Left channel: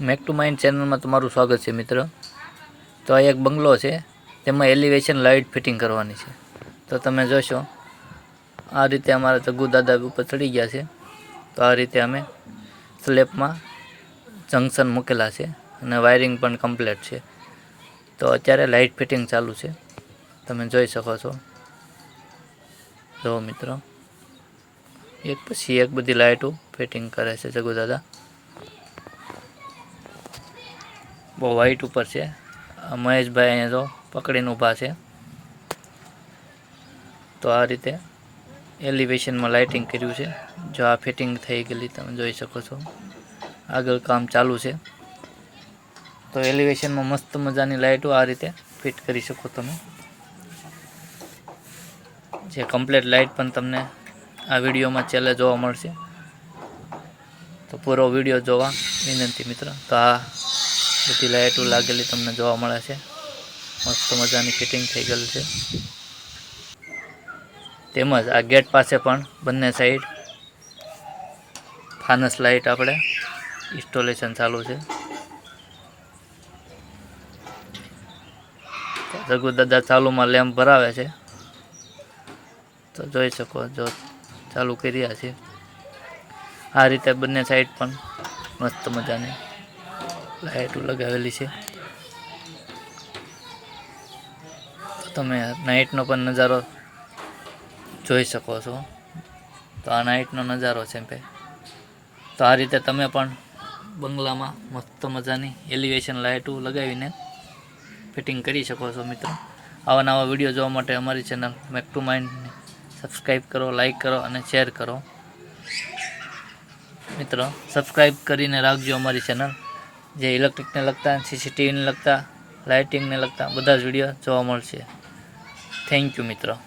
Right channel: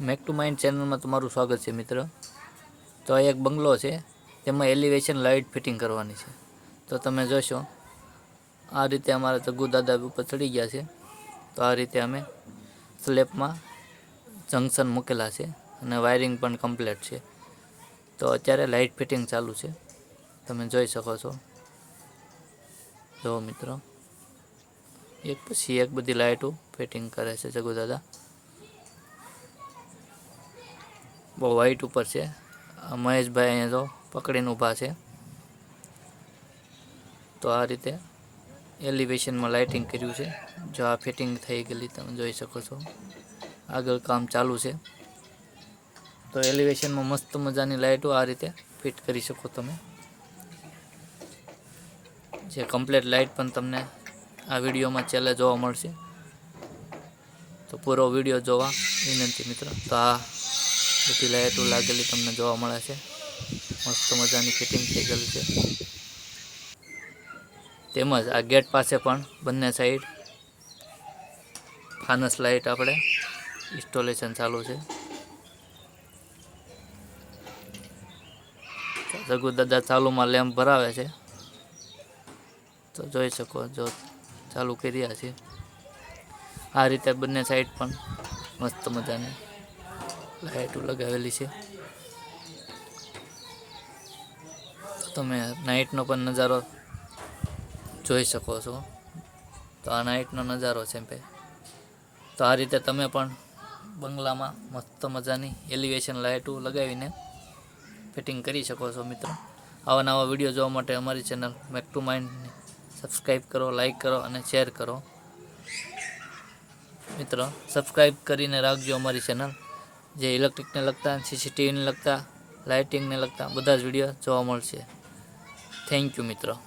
Make to mind ચેનલમાં તમારું સ્વાગત છે, મિત્ર. તો આ એક બંગલો છે, તેમાં એલિવેશન લાઇટ ફિટિંગ કરવાની છે. તો તમે જોશો, આ રીતે અમારા જગ્ગુ દાદા ઉપર ચડી ગયા છે. તો આ રીતે અમે સ્લેબમાં જંકશન મૂકેલા છે અને વાયરિંગ પણ કમ્પ્લીટ છે. તો અત્યારે લાઇટ ફિટિંગ ચાલુ છે. તમે જોઈ શકો છો. જુઓ મિત્રો, એક પછી એક બધી લાઇટો ફિટિંગ કરે છે જગુ દાદા. બહુ વાઇટ ઉપર છે. મહેશભાઈ અહીંયા જો પકડીને ઊભા છે. તો આ રીતે એલિવેશનમાં લાઇટિંગ કર્યું છે. જો આ ફિટિંગ થઈ ગયેલી તમે જોઈ શકો છો. આગળ કામ ચાલુ છે. તો એલિવેશનમાં મસ્ત મજાની લાઇટો આ રીતે ફિટ કરી શકો તમે. જે કમ્પ્લીટ લાઇટ પણ તમને આ વિડીયોમાં છેલ્લે જોવા મળશે. તો પૂરો વીડિયો જોવા વિનંતી મિત્ર. તો આ બધી લાઇટો લાગેલી તમને જોવા મળે છે. મસ્ત મજાની ફિટિંગ થઈ ગયેલ છે. તેમજ આ ગેટ પાસે પણ બંને સાઈડ ફાનસ લાઇટ આપણે ઇન્સ્ટોલેશન ચાલુ છે. દાદા ચાલુમાં લેમ્પ ભરાવે છે. તો જોઈ શકો જો ચાલુ કરી રહ્યા છે. આ રીતે બંને સાઈડ પણ મસ્ત મજાની લાઇટો લગાવેલી છે. તો તમે નાઇટનો પણ નજારો જોઈ શકો છો. તો આ નાઇટનો નજારો છે ભાઈ. તો આ રીતે તમે પણ બંગલામાં મસ્ત મજાની એલિવેશન લાઇટો લગાવીને ફિટિંગ કરી શકો છો મિત્રો. આવા નવા વીડિયો જોવા માટે અમારી ચેનલ મેક ટુ માઇન્ડને સબસ્ક્રાઈબ કરો, લાઈક કરો અને શેર કરો. મિત્રો સબસ્ક્રાઈબ કરીને રાખજો અમારી ચેનલ. જે ઇલેક્ટ્રિકને લગતા, સીસીટીવીને લગતા, લાઇટિંગને લગતા બધા જ વીડિયો જોવા મળશે. થેન્ક યુ, મિત્રો.